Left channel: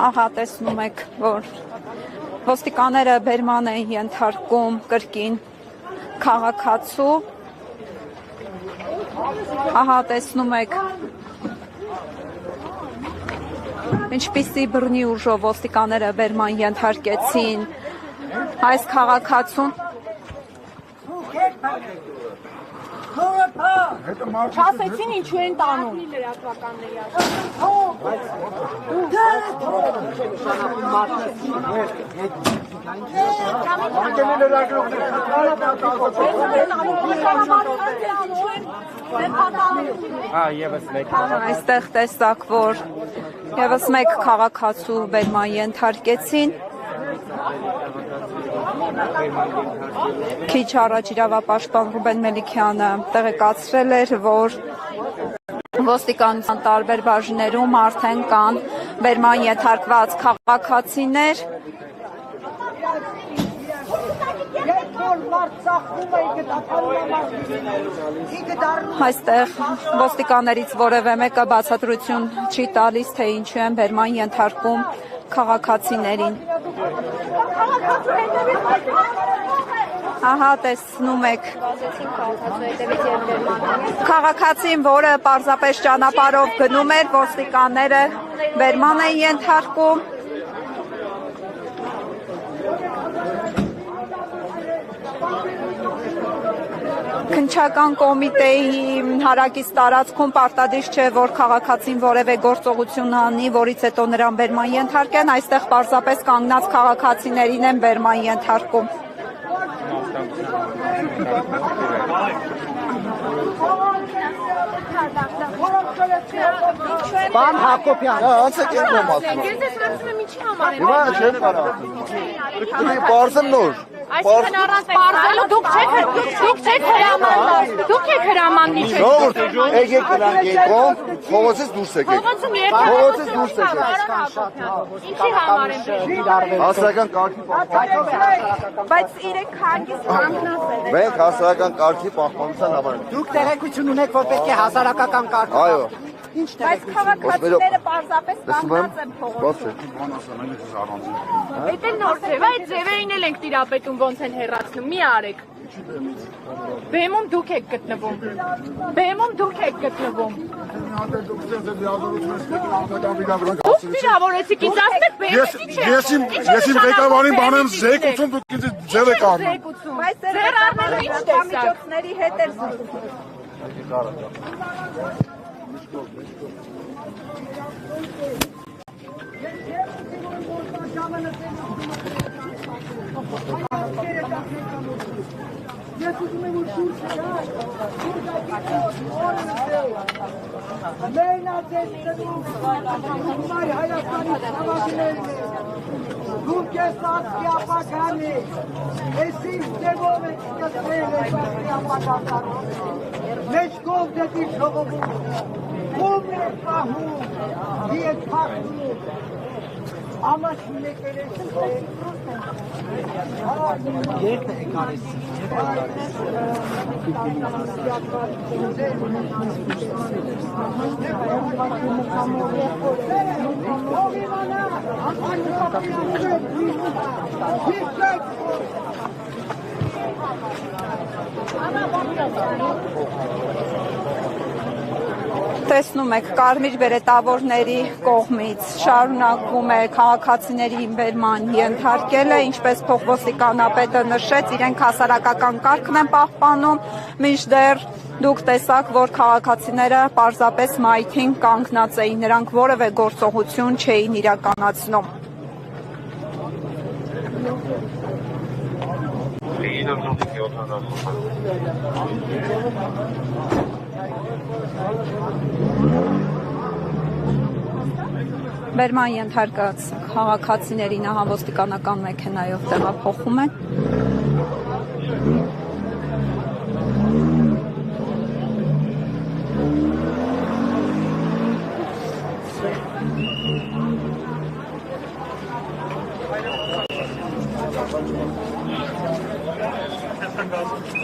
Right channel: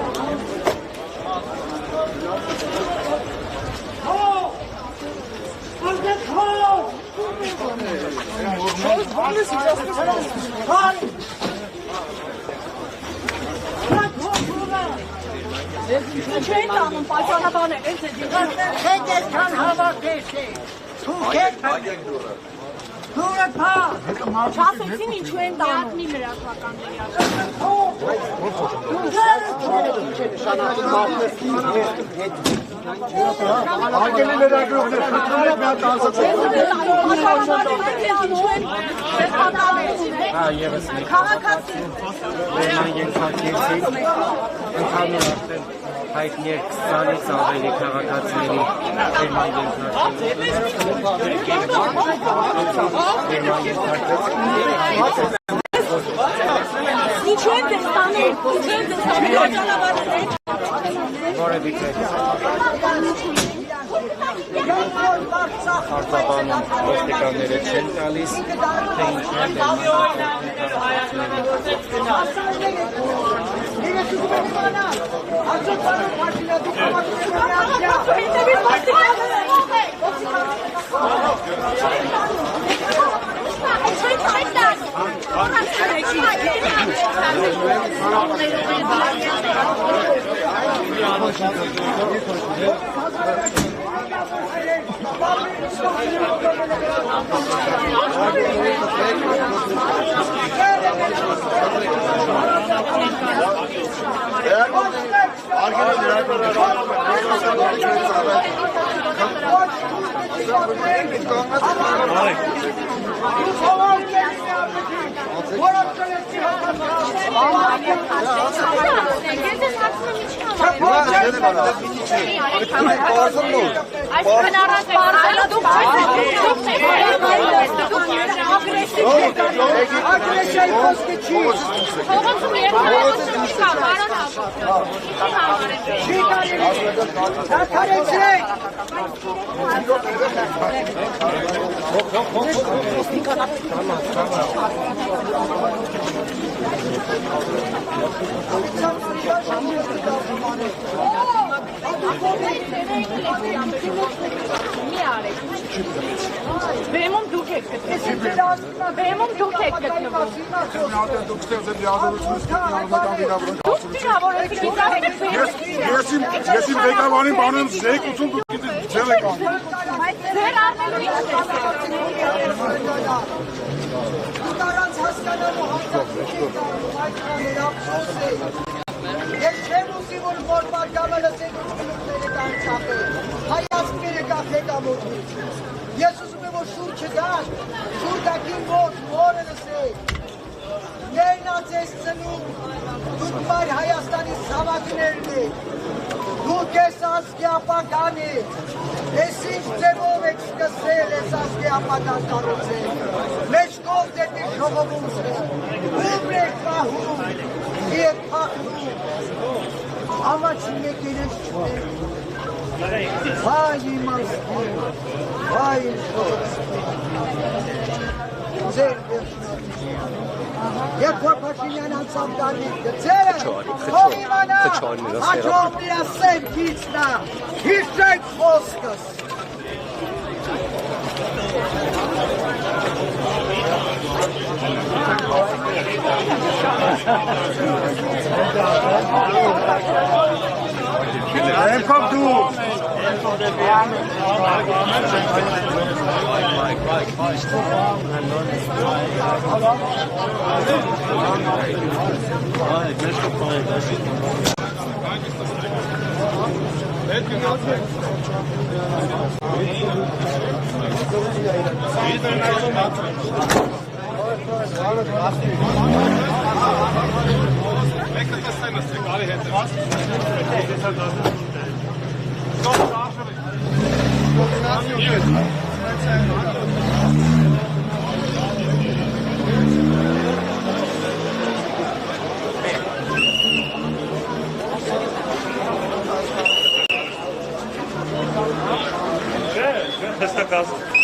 Ահա տեսնում եք, որ ոստիկանները բերման են ենթարկում կրկին քաղաքացու, ահա տեսնում եք, ինչպիսի բռնի ուժով ոստիկանները բերման ենթարկեցին այս քաղաքացուն։ Չասեցին ինչու են տանում։ Այստեղ տեսակ, որ ևս մեկ քաղաքացու բերման ենթարկեցին։ Քիչ առաջ իրավապաշտպան Ռուբեն Մելիքյանը տեղեկացրել էր, որ ոստիկանության տարբեր բաժիններում արդեն կան բերման ենթարկված քաղաքացիներ։ Այստեղ ոստիկաններից որևէ մեկը բացատրություն չի տալիս, թե ինչու են բերման ենթարկում քաղաքացիներին։ Ահա տեսնում եք քաղաքացին, որը պարզապես ճանապարհով գնում էր, ոստիկանները բերման են ենթարկում։ Քննչական կոմիտեի հարակից տարածքում պարտադիր չէ, որ քաղաքացին որևէ գործողություն անի, որից հետո նրան բերման ենթարկեն, այստեղ պարզապես կանգնած քաղաքացիներին են բերման ենթարկում։ Ձևերին էլ եք տիրապետում ոնց են մեռացում, մի արեք։ Բեմում դուք եք գտնվում։ Բեմում դուք եք գտնվում։ Դուք վիրավորեցիք, ինձ ասեք բեմում ինչ է։ Ես իմ ղեկավարին բանեմ զեկուցում, դուք ձեր եք անում։ Ձեր առնելու ինչ տեսակ։ Ես չեմ ուզի, որ մոր պարգամելը ձեր ուզգնումները կան ծապել, հայացքերը կա ղեկավորնից։ Ես ուզում եմ, որ շուր չգան, շուր գակի մոտ, օրը լսեք։ Մերնաց ես ծնում, դուք մայր Հայաստանի ծավագներն եք, դուք ես ասկի ապական եք, ես ինչ ձևով եք սկսել ես ասկի ապական կարոցել, մեջ կով դետի շողովուցը, ում եք պահում, և պախնում, ամաչի մեկեր ես շուր, հայ իմ ասկի, հայ իմ շուր, ձեր Երբ որ Փաշինյանը ծամկանեց ձերը, ով իմանա, աչով իրա սետ գիծնա, հիշեք խոսքս։ Տեսնում եք, կարմիր բերետավորների կողմից շարունակվում է քաղաքացիների բերման ենթարկելը, ինչպես փոխոստիկանապետը նշեց, իրենք հասարակական կարգն են պահպանում, մինչդեռ դուք տեսաք, որ քաղաքացիները պարզապես մայթին կանգնած էին, նրանք որևէ գործողություն չէին իրականացնում։ Բերման ենթարկած քաղաքացիների ոստիկանական մեքենայով տեղափոխում է։ Testa a casa.